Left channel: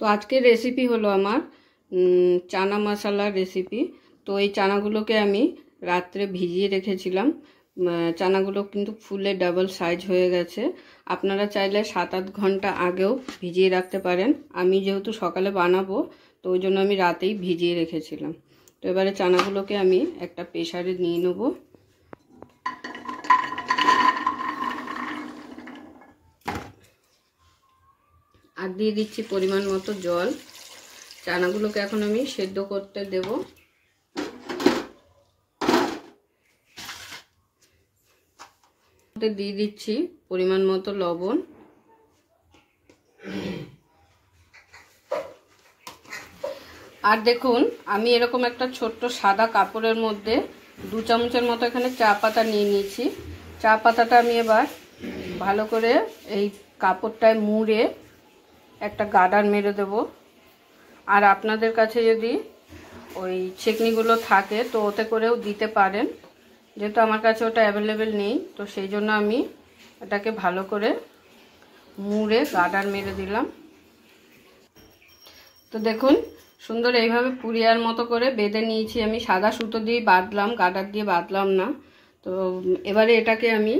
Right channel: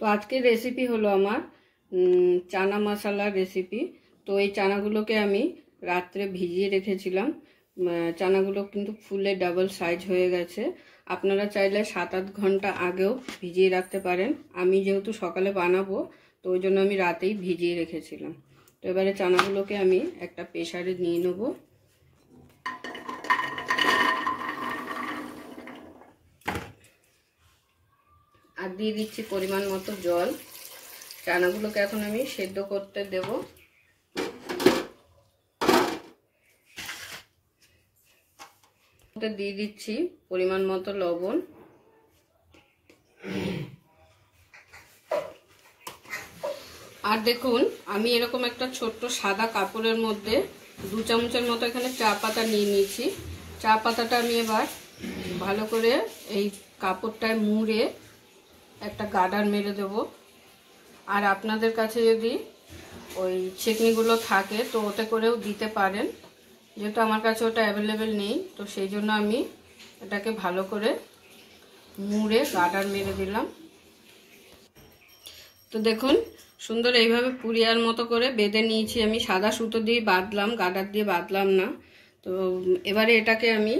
তো আজকের রেসিপি হলো আমার চানা মশলার রেসিপি। তো এই চানাগুলোকে আমি রাত্রে ভিজিয়ে রেখেছিলাম। চানাগুলো কিন্তু ফুলে ডাবল সাইজ হয়ে গেছে। আপনারা চাইলে 7-8 ঘন্টা আগেও ভিজিয়ে রাখতে পারেন। আমি যেহেতু সকালে বানাবো তো ওই জন্য আমি রাতেই ভিজিয়ে রেখেছিলাম। তো এবারে চানাগুলোকে আমি একটা প্রেসারে নিয়ে নেব। আর দিয়ে দিচ্ছি পরিমাণ মতো জল। চানাগুলোকে এখন আমি সেদ্ধ করতে দেব। দিয়ে দিচ্ছি পরিমাণ মতো লবণ। আর দেখুন আমি এরকম একটা ছোট্ট সাদা কাপড়ের মধ্যে 2 চামচের মতো এখানে চা পাতা নিয়ে নিয়েছি। চা পাতাটা আমি এবার ভালো করে এই কাপড়টায় মুড়ে একটা গার্ডার মেরে দেব। আর আপনাদের কাছে যদি ওই ছেঁকনিগুলো থাকে তো ওতে করেও দিতে পারেন, যেহেতু আমার কাছে ওটা অ্যাভেলেবেল নেই তো সেই জন্য আমি এটাকে ভালো করে মুড়ে গার্ডার মেরে দিলাম। তো দেখুন সুন্দর এইভাবে পুরিয়ার মতো করে বেঁধে নিয়েছি আমি। সাদা সুতো দিয়ে বাঁধলাম, গার্ডার দিয়ে বাঁধলাম না। তো এবারে এটাকে আমি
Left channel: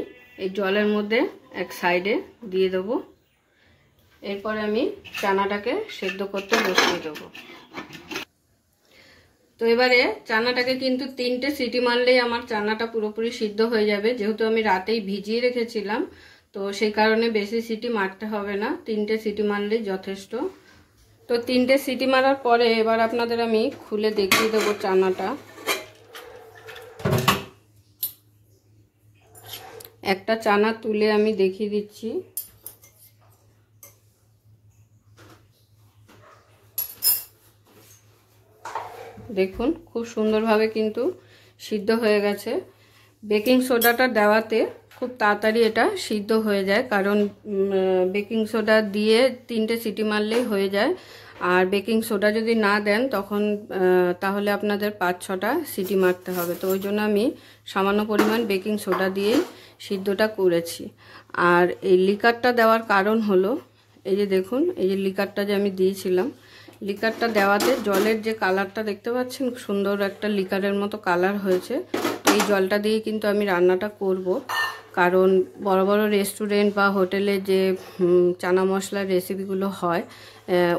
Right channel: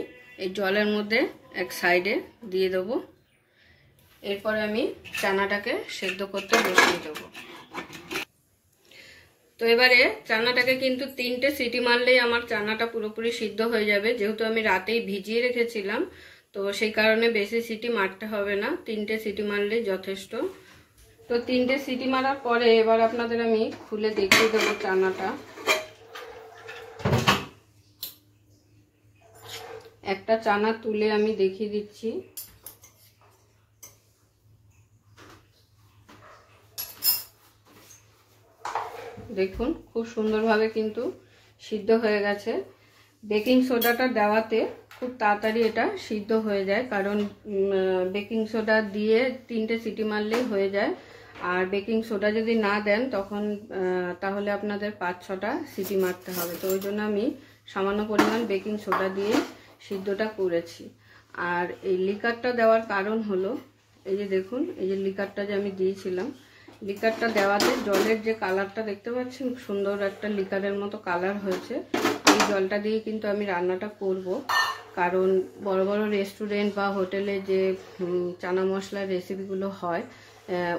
এই জলের মধ্যে এক সাইডে দিয়ে দেবো। এরপর আমি চানাটাকে সেদ্ধ করতে বসিয়ে দেবো। তো এবারে চানাটাকে কিন্তু 3টে সিটি মারলেই আমার চানাটা পুরোপুরি সিদ্ধ হয়ে যাবে। যেহেতু আমি রাতেই ভিজিয়ে রেখেছিলাম তো সেই কারণে বেশি সিটি মারতে হবে না, 3টে সিটি মারলেই যথেষ্ট। তো 3টে সিটি মারার পরে এবার আপনাদের আমি খুলে দেখিয়ে দেবো চানাটা। একটা চানা তুলে আমি দেখিয়ে দিচ্ছি। দেখুন খুব সুন্দরভাবে কিন্তু সিদ্ধ হয়ে গেছে। বেকিং সোডাটা দেওয়াতে খুব তাড়াতাড়ি এটা সিদ্ধ হয়ে যায়, কারণ বেকিং সোডা দিয়ে 3টে সিটি মারলেই হয়ে যায়। আর বেকিং সোডা যদি না দেন তখন তাহলে আপনাদের 5-6টা সিটি মারতে হবে। তো ওই জন্য আমি সামান্য পরিমাণ বেকিং সোডা দিয়ে সিদ্ধটা করেছি। আর এই লিকারটা দেওয়ার কারণ হলো এই যে দেখুন এই যে লিকারটা যে আমি দিয়েছিলাম, লিকারটা দেওয়াতে জলের যে কালারটা দেখতে পাচ্ছেন সুন্দর একটা লিকারের মতো কালার হয়েছে। এই জলটা দিয়ে কিন্তু আমি রান্নাটা করব, কারণ বড় বড় রেস্টুরেন্ট বা হোটেলে যে চানা মশলার রেসিপিগুলো হয়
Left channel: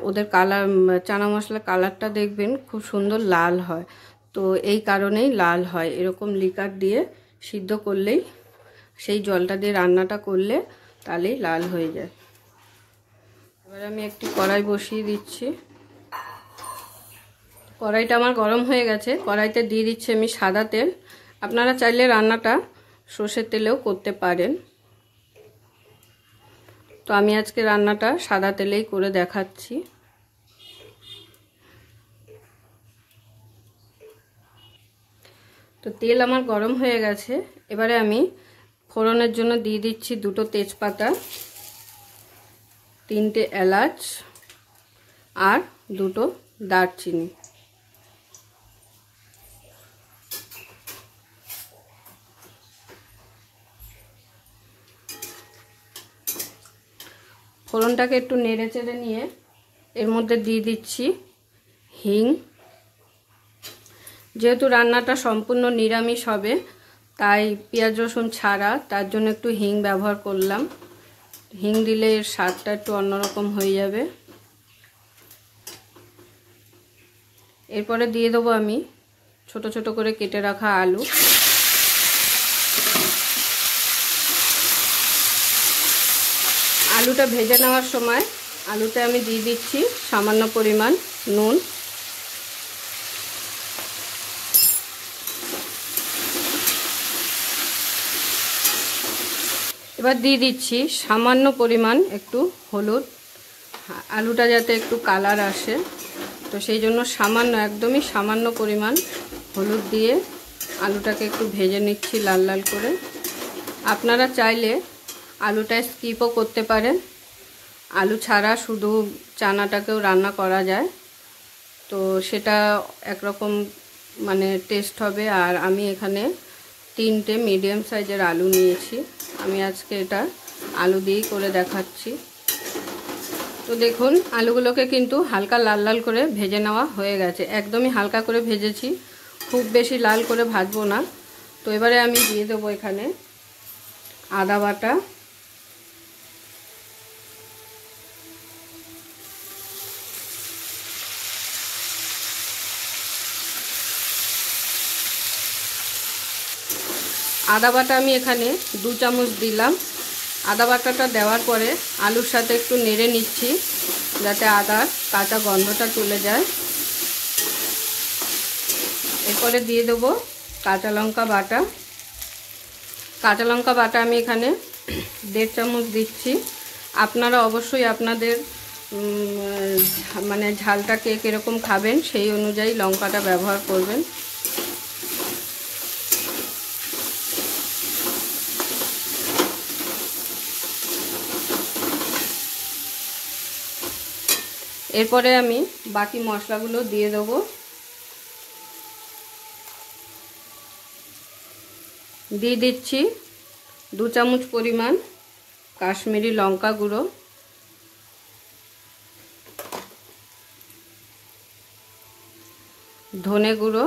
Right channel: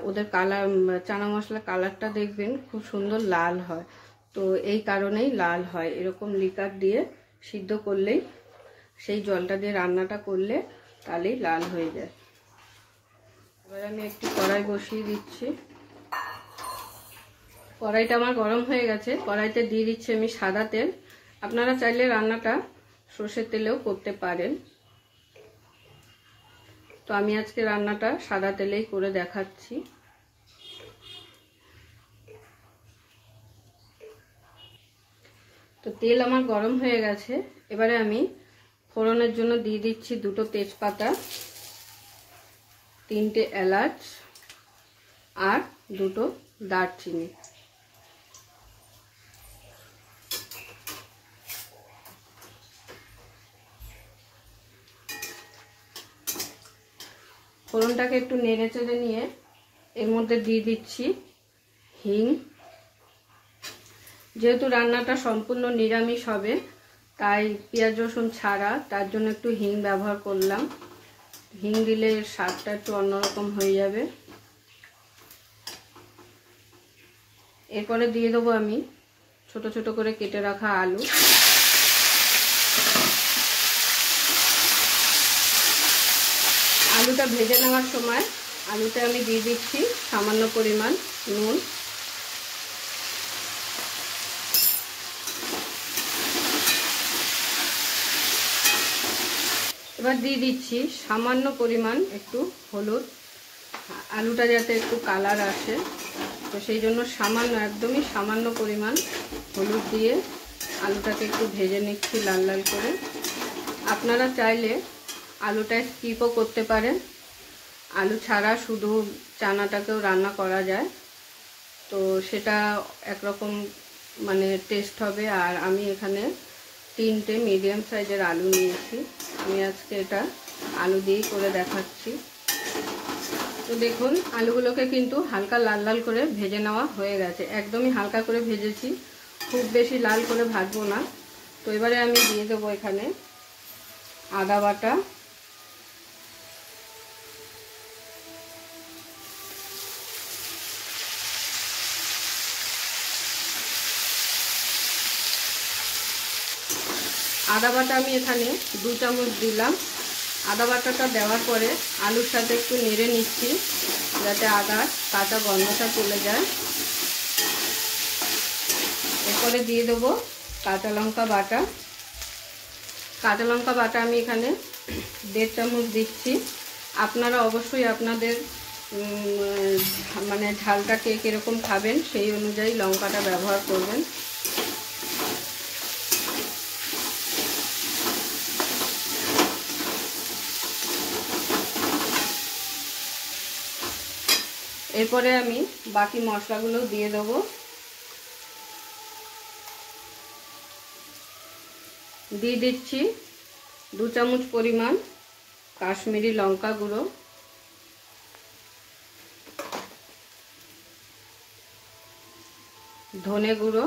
ওদের কালার চানা মশলার কালারটা দেখবেন খুব সুন্দর লাল হয়। তো এই কারণেই লাল হয়, এরকম লিকার দিয়ে সিদ্ধ করলেই, সেই জলটা দিয়ে রান্নাটা করলে তাহলেই লাল হয়ে যায়। এবার আমি একটি কড়াই বসিয়ে দিচ্ছি। কড়াইটা আমার গরম হয়ে গেছে। কড়াইতে দিয়ে দিচ্ছি আমি সাদা তেল। আপনারা চাইলে রান্নাটা সর্ষের তেলেও করতে পারেন, তো আমি আজকে রান্নাটা সাদা তেলেই করে দেখাচ্ছি। তো তেল আমার গরম হয়ে গেছে। এবারে আমি ফোড়নের জন্য দিয়ে দিচ্ছি 2টো তেজপাতা, 3টে এলাচ আর 2টো দারচিনি। ফোড়নটাকে একটু নেড়ে চেড়ে নিয়ে এর মধ্যে দিয়ে দিচ্ছি হিং। যেহেতু রান্নাটা সম্পূর্ণ নিরামিষ হবে তাই পেঁয়াজ রসুন ছাড়া, তার জন্য একটু হিং ব্যবহার করলাম। হিং দিলে এর স্বাদটা একটু অন্যরকম হয়ে যাবে। এরপরে দিয়ে দেবো আমি ছোট ছোট করে কেটে রাখা আলু। আলুটা ভেজে নেওয়ার সময় আলুতে আমি দিয়ে দিচ্ছি সামান্য পরিমাণ নুন। এবার দিয়ে দিচ্ছি সামান্য পরিমাণ একটু হলুদ, আলুটা যাতে একটু কালার আসে, তো সেই জন্য সামান্য, একদমই সামান্য পরিমাণ হলুদ দিয়ে আলুটাকে একটু ভেজে নিচ্ছি লাল লাল করে। আপনারা চাইলে আলুটা স্কিপও করতে পারেন, আলু ছাড়া শুধু চানাটাকেও রান্না করা যায়, তো সেটা একরকম মানে টেস্ট হবে। আর আমি এখানে 3টে মিডিয়াম সাইজের আলু নিয়েছি, আমি আজকে এটা আলু দিয়েই করে দেখাচ্ছি। তো তো দেখুন আলুগুলোকে কিন্তু হালকা লাল লাল করে ভেজে নেওয়া হয়ে গেছে, একদমই হালকা করে ভেজেছি, খুব বেশি লাল করে ভাজবো না। তো এবারে আমি দিয়ে দেবো এখানে আদা বাটা, আদা বাটা আমি এখানে 2 চামচ দিলাম। আদা বাটাটা দেওয়ার পরে আলুর সাথে একটু নেড়ে নিচ্ছি যাতে আদার কাঁচা গন্ধটা চলে যায়। এরপরে দিয়ে দেবো কাঁচা লঙ্কা বাটা। কাঁচা লঙ্কা বাটা আমি এখানে 1.5 চামচ দিচ্ছি। আপনারা অবশ্যই আপনাদের মানে ঝালটা কে কীরকম খাবেন সেই অনুযায়ী লঙ্কাটা ব্যবহার করবেন। এরপরে আমি বাকি মশলাগুলো দিয়ে দেবো। দিয়ে দিচ্ছি 2 চামচ পরিমাণ কাশ্মীরি লঙ্কা গুঁড়ো, ধনে গুঁড়ো,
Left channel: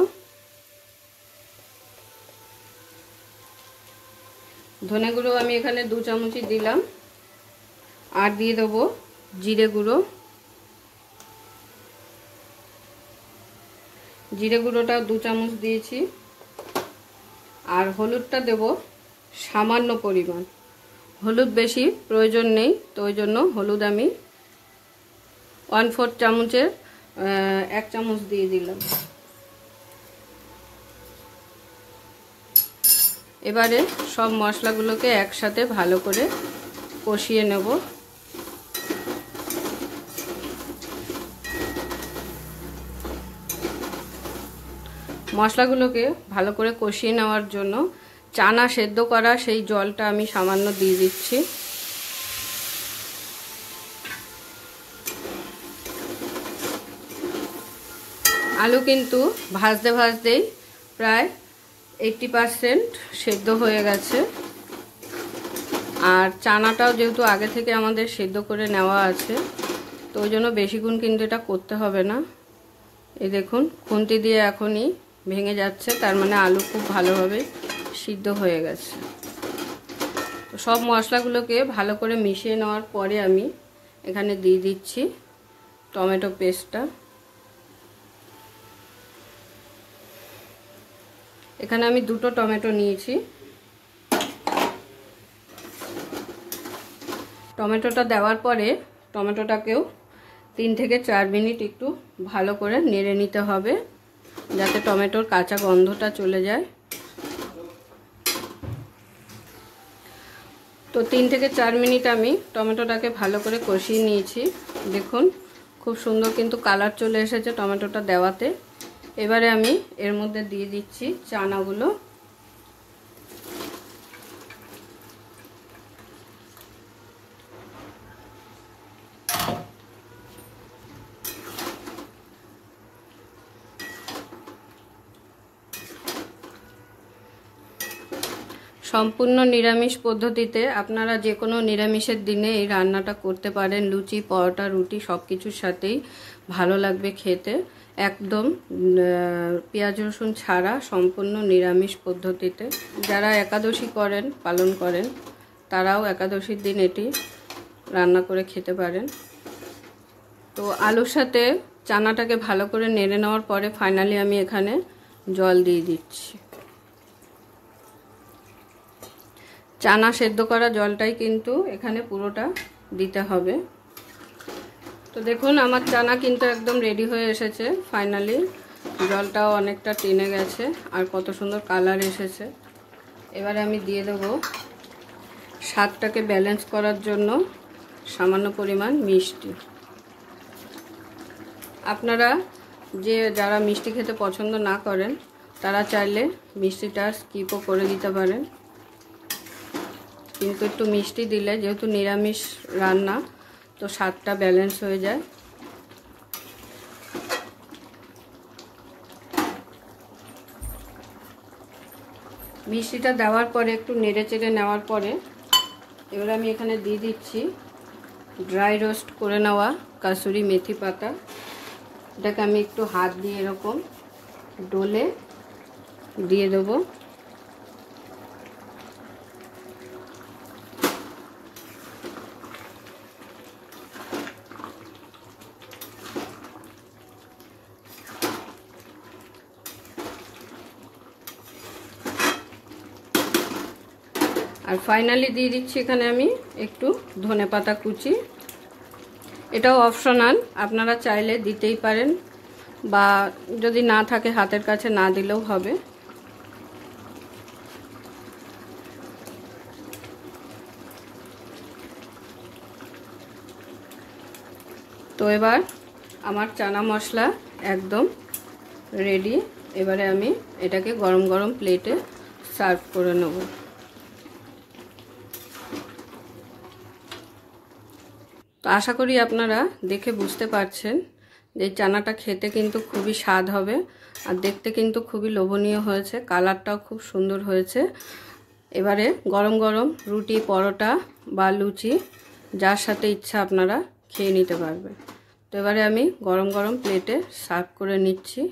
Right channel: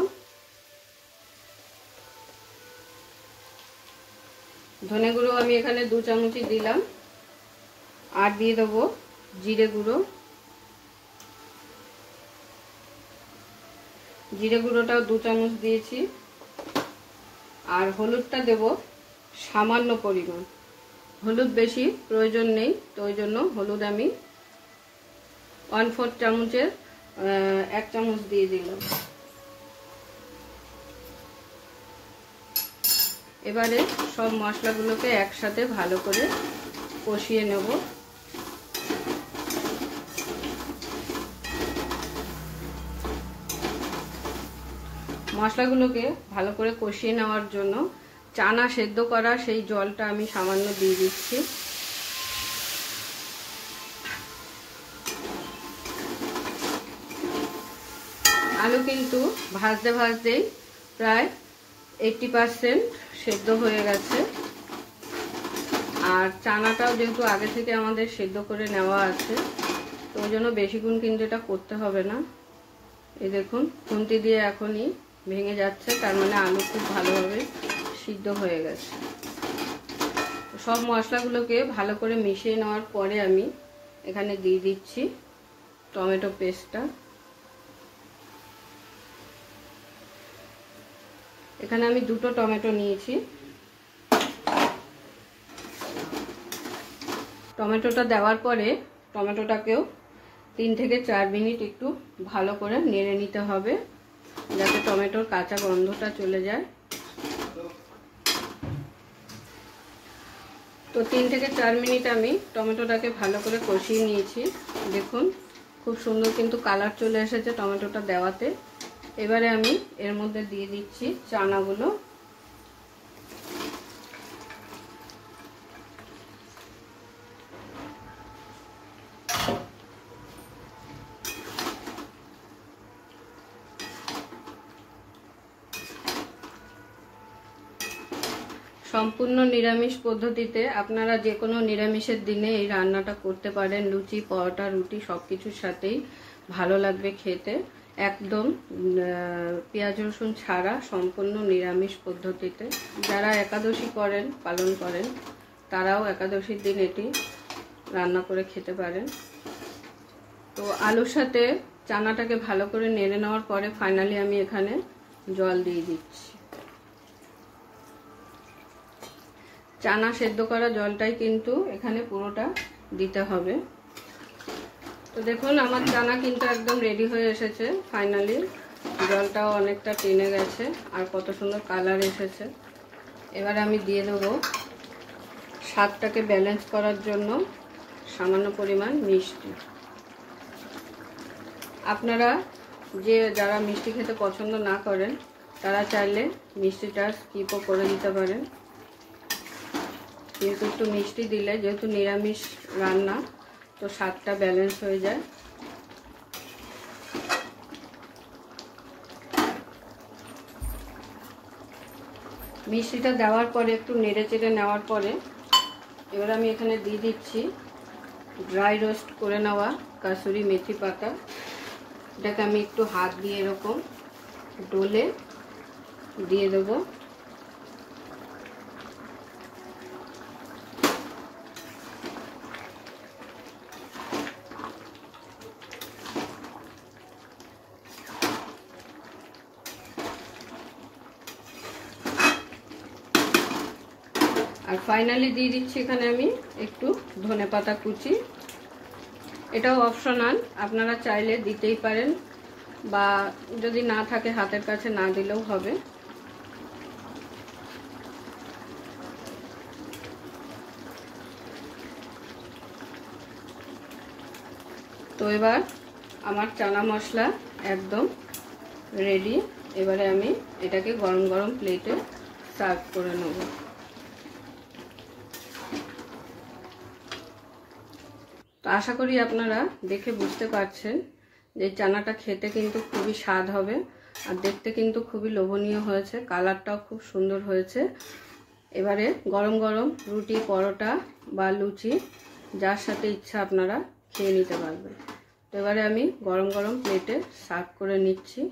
আমি এখানে 2 চামচই দিলাম। আর দিয়ে দেবো জিরে গুঁড়ো, জিরে গুঁড়োটাও 2 চামচ দিয়েছি। আর হলুদটা দেব সামান্য পরিমাণ, হলুদ বেশি প্রয়োজন নেই, তো ওই জন্য হলুদ আমি 1/4 চামচের 1 চামচ দিয়ে দিলাম। এবারে সব মশলাগুলোকে একসাথে ভালো করে কষিয়ে নেব। মশলাগুলোকে ভালো করে কষিয়ে নেওয়ার জন্য চানা সেদ্ধ করা সেই জলটা আমি সামান্য দিয়ে দিচ্ছি। আলু কিন্তু ভাজতে ভাজতেই প্রায় 80% সেদ্ধ হয়ে গেছে। আর চানাটাও যেহেতু আগে থেকে আমাদের সেদ্ধ করে নেওয়া আছে, তো ওই জন্য বেশিক্ষণ কিন্তু এটা করতে হবে না। এই দেখুন খুন্তি দিয়ে এখনই ভেঙে যাচ্ছে, তার মানে আলু খুব ভালোভাবে সিদ্ধ হয়ে গেছে। তো সব মশলাগুলোকে ভালো করে মিশিয়ে নেওয়ার পরে আমি এখানে দিয়ে দিচ্ছি টমেটো পেস্টটা। এখানে আমি 2টো টমেটো নিয়েছি। টমেটোটা দেওয়ার পরে টমেটোটাকেও 3 থেকে 4 মিনিট একটু ভালো করে নেড়ে নিতে হবে যাতে টমেটোর কাঁচা গন্ধটা চলে যায়। তো 3 থেকে 4 মিনিট আমি টমেটোটাকে ভালো করে কষিয়ে নিয়েছি। দেখুন খুব সুন্দর কিন্তু কালার চলে এসেছে টমেটোটা দেওয়াতে। এবারে আমি এর মধ্যে দিয়ে দিচ্ছি চানাগুলো। সম্পূর্ণ নিরামিষ পদ্ধতিতে আপনারা যে কোনো নিরামিষের দিনে এই রান্নাটা করতে পারেন। লুচি, পরোটা, রুটি সব কিছুর সাথেই ভালো লাগবে খেতে। একদম পেঁয়াজ রসুন ছাড়া সম্পূর্ণ নিরামিষ পদ্ধতিতে। যারা একাদশী করেন, পালন করেন, তারাও একাদশীর দিন এটি রান্না করে খেতে পারেন। তো আলুর সাথে চানাটাকে ভালো করে নেড়ে নেওয়ার পরে ফাইনালি আমি এখানে জল দিয়ে দিচ্ছি। চানা সেদ্ধ করা জলটাই কিন্তু এখানে পুরোটা দিতে হবে। তো দেখুন আমার চানা কিন্তু একদম রেডি হয়ে এসেছে। ফাইনালি জলটাও অনেকটা টেনে গেছে আর কত সুন্দর কালার এসেছে। এবার আমি দিয়ে দেবো স্বাদটাকে ব্যালেন্স করার জন্য সামান্য পরিমাণ মিষ্টি। আপনারা যারা মিষ্টি খেতে পছন্দ না করেন তারা চাইলে মিষ্টিটা স্কিপও করে দিতে পারেন, কিন্তু একটু মিষ্টি দিলে যেহেতু নিরামিষ রান্না তো স্বাদটা ব্যালেন্স হয়ে যায়। মিষ্টিটা দেওয়ার পরে একটু নেড়ে চেড়ে নেওয়ার পরে এবার আমি এখানে দিয়ে দিচ্ছি ড্রাই রোস্ট করে নেওয়া কাসুরি মেথি পাতা, এটাকে আমি একটু হাত দিয়ে এরকম ডলে দিয়ে দেবো। আর ফাইনালি দিয়ে দিচ্ছি এখানে আমি একটু ধনেপাতা কুচি। এটাও অপশনাল, আপনারা চাইলে দিতেই পারেন, বা যদি না থাকে হাতের কাছে না দিলেও হবে। তো এবার আমার চানা মশলা একদম রেডি। এবারে আমি এটাকে গরম গরম প্লেটে সার্ভ করে নেব। তো আশা করি আপনারা দেখে বুঝতে পারছেন যে চানাটা খেতে কিন্তু খুবই স্বাদ হবে, আর দেখতে কিন্তু খুবই লোভনীয় হয়েছে, কালারটাও খুব সুন্দর হয়েছে। এবারে গরম গরম রুটি, পরোটা বা লুচি যার সাথে ইচ্ছা আপনারা খেয়ে নিতে পারবেন। তো এবারে আমি গরম গরম প্লেটে সার্ভ করে নিচ্ছি।